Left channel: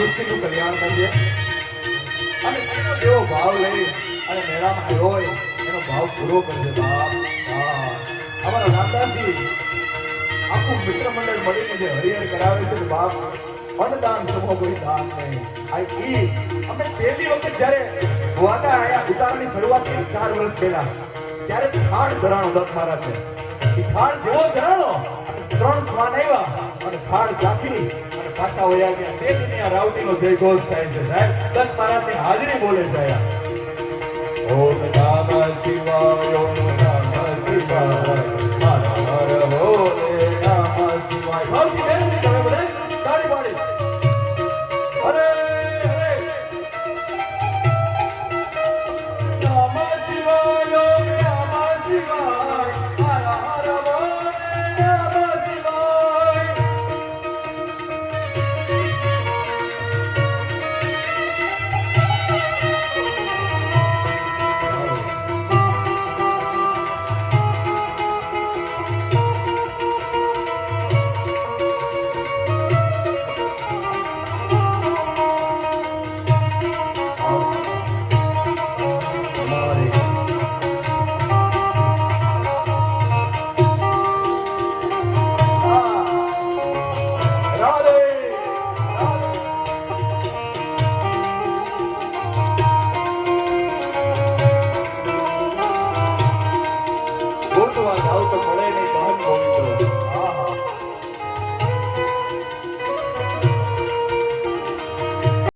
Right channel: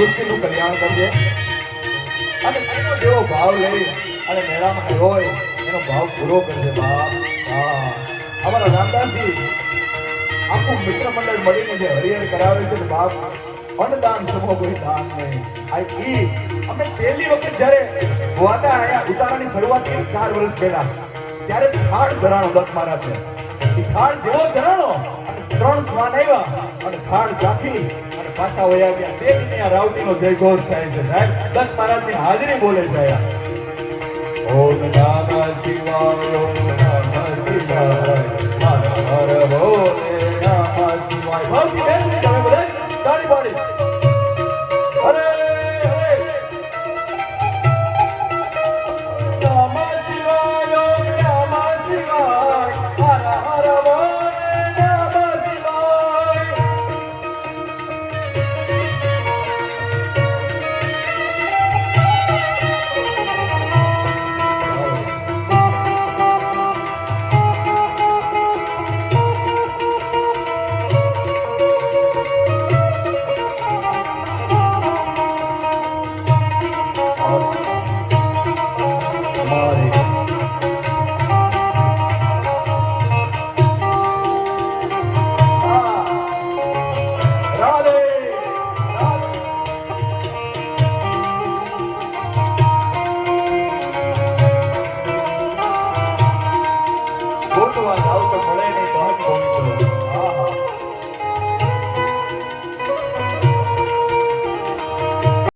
સૃષ્ટિનું કલ્યાણ કરજે અને એનો જેવો ભાવ લઈ અને મેળામાં હોય એનો ભાવ પૂરો કરજે બાપ. અમારા રામદાસજી આખું મિત્ર મંડળ મળીને જે હરિહર કરાવે છે બાપ, અન્નદાન સમૂહ કોઈ દાન નહીં. અમે પહેલી વખત જ્યારે વાદા આયા ઉતારાની શરૂઆત 4 વર્ષ પહેલા ત્યારે ખાણ ધરાણો દત્ત મહારાજ છે. ખાણ જેવો ધરાણો 3 શ્વાન આવ્યા અને ખાણ ચાખી પાછા વયા ગયા. દેશની આ રાવટીનો જય ઘોષ થાય છે સાહેબ. દત્ત મહારાજની હાજરી બોલે છે. ઓમ નમઃ શિવાય, ઓમ નમઃ શિવાય, હર હર બોલે નમઃ શિવાય.